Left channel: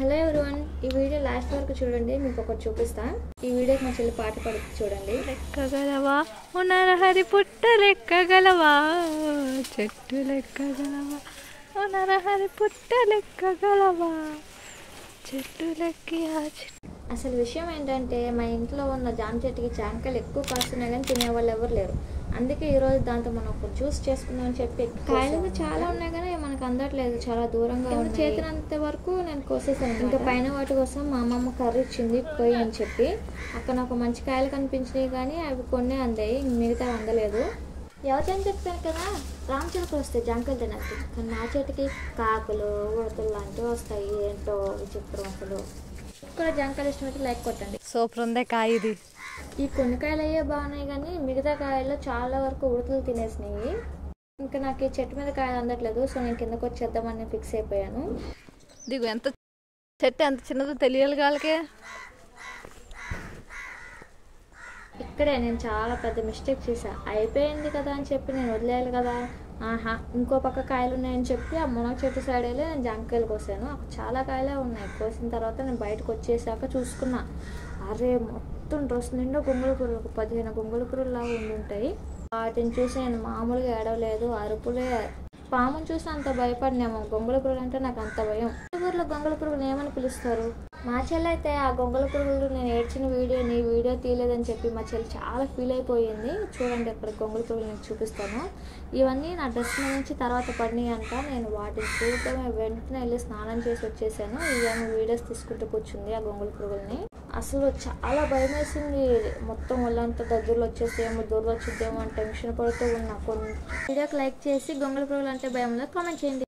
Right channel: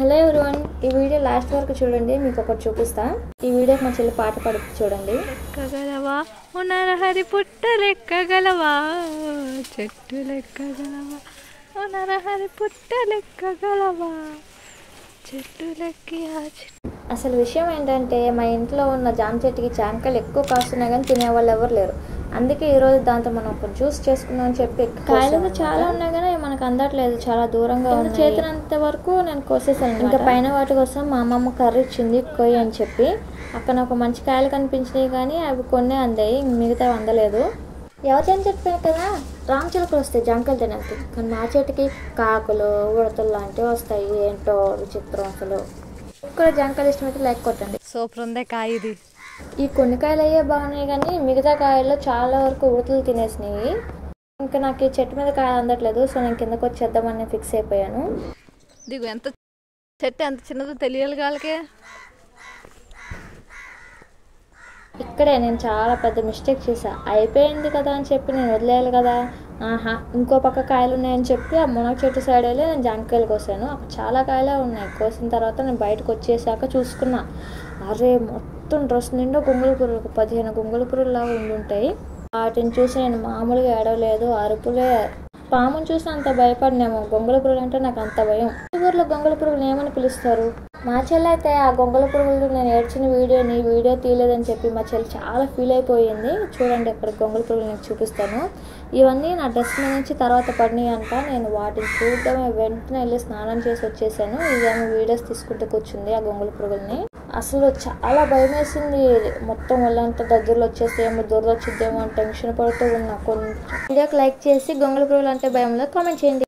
Hello everyone, ఈ video last వరకు చూడండి. మీకు ఒకటి చూపిస్తా. ఈ వీడియోకి మా చెల్లి పాట పాడుతుంది చూడండి. లెక్కగలవా నరహరి పుట్ట లెక్కగలవా, చెట్టు లెక్కగలవా నరహరి పుట్ట లెక్కగలవా, చెట్టు లెక్కి అసలు విషయం ఏంటంటే మా ఇంట్లో ఉన్న జామ చెట్టుకి జామకాయలు ఎక్కువ కాస్తున్నాయి కానీ తినేవాళ్ళు ఎవరు లేరు. అందుకే ఈరోజు దాంతో మనం ఒక జ్యూస్ చేసుకుందాం అని చెప్పి కాయలు చాలా ఉన్నాయి కానీ మనకు అందట్లేదు, చాలా దూరంగా ఉంది. చేతినంత వరకు నేను కోసేసాను. ఇంకా పైన వాటి కోసం మా అమ్మమ్మ కర్రీ ఇచ్చింది కొయ్యి అని చెప్పి. అక్కడ ఒక మంచి కాయలు కనిపించినాయి కానీ అవి కొన్ని అందాయి, మిగతా అందలేదు. ఎవరికైనా చెప్తాను కదా రామచిలుకలు వస్తాయి జామకాయలు తినడానికి, కానీ మా చెట్టుకి కాకులు ఉడతలు లాంటివి వస్తాయి. ఏంటో విచిత్రం. అసలు కూడా జామకాయలు ఇష్టమైతే లైక్ కొట్టండి. సూపర్ ఉందే కాయ ఇది. ఈ కొన్ని కాయలు అయ్యే బాగున్నాయి కానీ మిగతా కాయల్లో చాలా వరకు ఉడతలు తినేసినాయి. ఇంకా నాకు ఈ చెట్టు మీద కాయ అందట్లేదు, సో నేను కిందకు వచ్చేద్దామని ఫిక్స్ అయిపోయాను. దిగు, ఎంత చెట్టు ఎంత చిన్నదో తెలియాలి వాళ్ళకే. ఇక్కడే నేను చాలా పెద్ద మిస్టేక్ చేశా. అయిపోయింది కదా అని చెప్పి నేను వదిలేయాలి కదా. ఇంకో పక్క కాయలు ఉన్నాయని చెప్పి ఆ మునగ చెట్టు సైడ్ వెళ్ళి నేను జామకాయలు కోసాను. అక్కడ చాలా కాయలే ఉన్నాయి. కోసిన తర్వాత నేను బయటకు వచ్చేసాక చూసుకున్నా, అరే మొత్తం డ్రెస్ నిండా గొంగళి పురుగులు, 15 గొంగళి పురుగులు లాగా ఉండుంటాయి. వాటిని చూసి నేను మామూలుగా ఏడవలేదు, అరుపులే. పాముని చూసి అంత భయపడినాము, గొంగళి పురుగులు అంటే నాకు అంత భయం. ఊర్లో గొంగళి పురుగులు ఏమని పిలుస్తారు? మా చెల్లి అయితే ఆ గొంగళి పురుగులు నేను ఏడ్చిన వీడియో తీయలేదని చెప్పి మా చెల్లి చాలా ఫీల్ అయిపోయింది. చూడండి ఇక్కడ గొంగళి పురుగులు నేను చూపిస్తాను. ఇవన్నీ నా డ్రెస్ నుంచి తర్వాత పడినాయి అంట. నేను వాటిని చూద్దామే వెంటనే వెళ్ళి స్నానం చేసి వచ్చేసాను. ఇవన్నీ వీడియోస్ తీసుకుంటూ కూర్చుంది ఆ గొంగళి పురుగుల్ని. అసలు చాలా భయం వేసింది. మొత్తం వాళ్ళంతా దగ్గరలో వచ్చేసేమో, దురద వచ్చిద్దేమో అని టెన్షన్ పడుతూ ఉన్నా. కొన్ని వీడియోకి లైక్ చేసి గొంగళి పురుగులు అంటే భయంలో కామెంట్ చేయండి.